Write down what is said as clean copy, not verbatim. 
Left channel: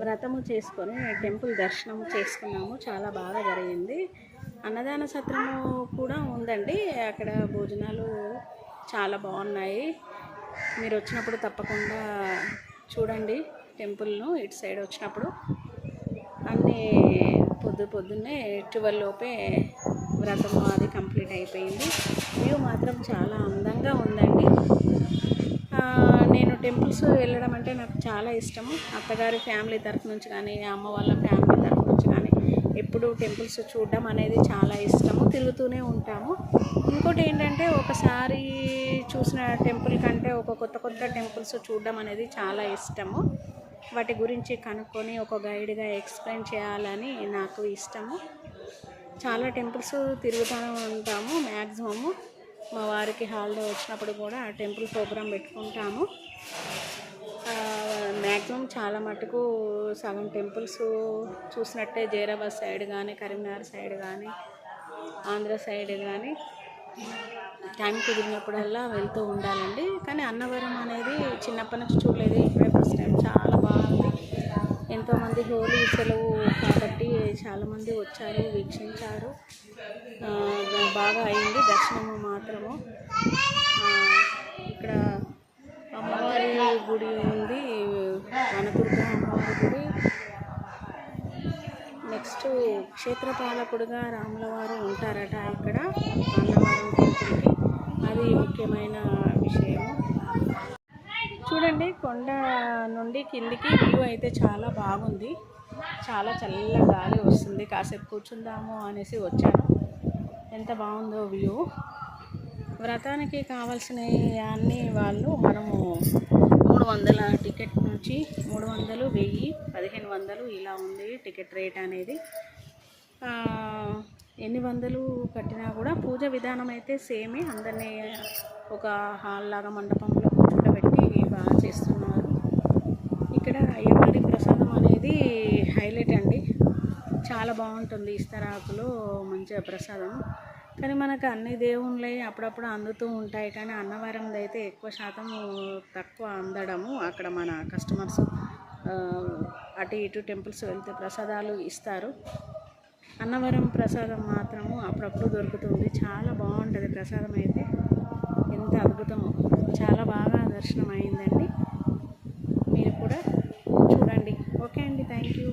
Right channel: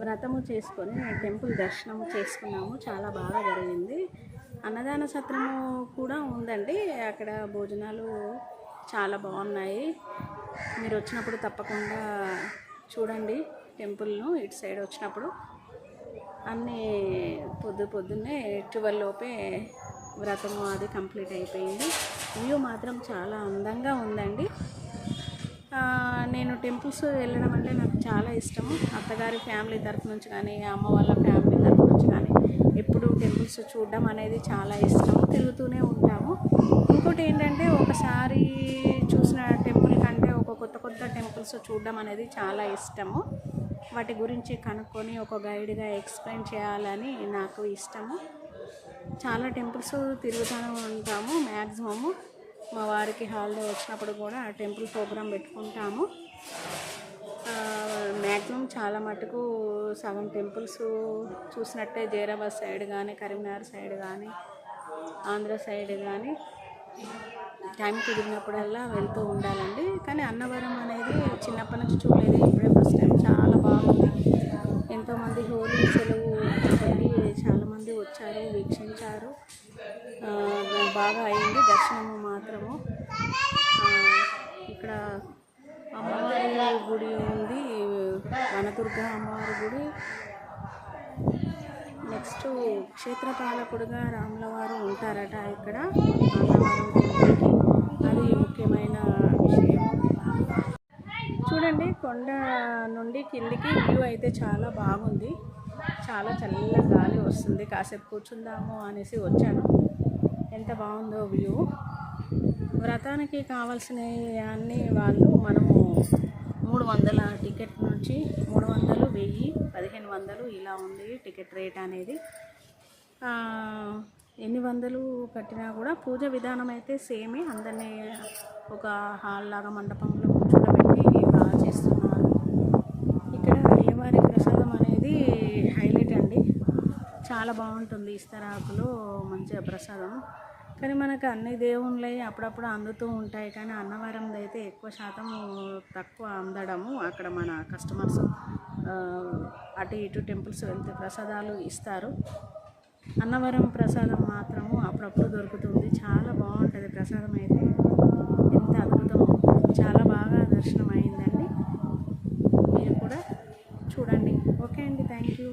వ్రతము చేసుకొని టెంపుల్ దర్శనం చేసుకున్నాము. చాలా బాగా జరిగింది. అన్నదాన సత్రము కూడా ఉందండి. అక్కడ భోజనాలు చాలా బాగున్నాయి. మీరు వచ్చినప్పుడు తప్పకుండా చూడండి టెంపుల్ను. ఇటు సైడ్ వచ్చినప్పుడు అన్నీ పొద్దున్నే 12 లోపే వ్రతము అది కంప్లీట్ అయిపోయింది. వ్యూ మాత్రం చాలా అందంగా ఉందండి. నేను టెంపుల్స్ వెళ్ళడం అంటే నాకు చాలా ఇష్టము. అత్తగారి ఫ్యామిలీ తరఫు నుంచి కానీ, అమ్మ వాళ్ళ ఫ్యామిలీ తరఫు నుంచి కానీ ఎప్పుడు టెంపుల్స్ చూడడం అనేది చాలా ఇష్టము. తిరుగుతూనే ఉంటాము. ఇంకోటి ఏంటంటే ఒకసారి చూసిన టెంపుల్ కంటే ఒక కొత్త టెంపుల్స్ చూడడం అనేది చాలా ఇష్టము. వాటి గురించి కనుక్కొని ఒక గైడ్గా ఎక్స్ప్లెయిన్ చేయాలని నాకు ఇష్టము. చాలా టెంపుల్స్ తిరుగుతూనే ఉంటాము. మ్యాక్సిమము మా వారికి హాలిడే వచ్చినప్పుడు కూడా టెంపుల్ ప్రోగ్రాం పెట్టుకుంటాము. మ్యాక్సిమం చాలా మటుకు సగం టెంపుల్స్ చూసినట్టే జైరాబాద్ సైడ్ కానీ, కరీంనగర్ సైడ్ కానీ, ఆంధ్ర సైడ్ కానీ టైం కుదిరినప్పుడల్లా వెళ్తూ ఉండాలండి. కానీ అన్నవరం అనేది చిన్నప్పటి నుంచి చూడలేదు, ఇప్పుడే ఫస్ట్ టైం. చాలా బాగుంది. ఎంతోమంది హోలీ సెలవు కాబట్టి చాలామంది వచ్చారు, వీక్షించారు. బాగా అయింది దర్శనము మాత్రము. ఇక్కడ అమ్మవారి గుడి ఉంది, వనదుర్గ అమ్మవారి గుడి. నెక్స్ట్ క్షేత్రపాలకుడుగా రాములవారు ఉంటారట ఇక్కడ అన్నవరం టెంపుల్కి. అది ముఖ్యమైన విషయము. చూడండి, కొండ నుండి కిందికి వ్యూ అయితే చాలా బాగుంది. చాలా చల్ల గాలి వస్తుంది. కాసేపు కూర్చుందాము అనేసి వచ్చాను. ఎంత బాగుందో వ్యూ. వ్రతానికి కావాల్సినవి అన్నీ వాళ్ళు మనము 300 టికెట్ నుంచి 300, 1000, 1500 ఇలా ఉంది టికెట్ రేట్ అనేది. ఎన్ని వందలు కట్టినా కూడా పూజ విధానం అయితే సేమే. అందరినీ ఒక హాల్ లాగా మండపంలో కూర్చోబెట్టి బాగా చేస్తున్నారు. ఇక్కడ అయ్యవారి ప్రసాదం అనేది హైలైట్ అండి. చాలా బాగుంటుంది. ఇస్తరాకులో మంచిగా ప్రసాదం. కానీ మనకు అన్ని దేవుళ్ళే అప్పుడప్పుడు అందుతూ ఉంటాయి. కానీ అన్నవరంది అయితే ఎక్కువ శాతం తక్కువ అందడము. అక్కడ మన కస్టమర్స్ అటు ఇటు టెంపుల్స్ వెళ్తే ప్రసాదాలు ఇస్తారు. అన్నవరం ప్రసాదం మాత్రము అప్పుడప్పుడు దొరుకుతుంది. చాలా బాగుంటుంది ప్రసాదం అయితే. ఎంత అద్భుతం. చాలా బాగా దర్శనం అయిందండి. మీరు కూడా చూడండి. ఓకే అండి, థ్యాంక్ యూ.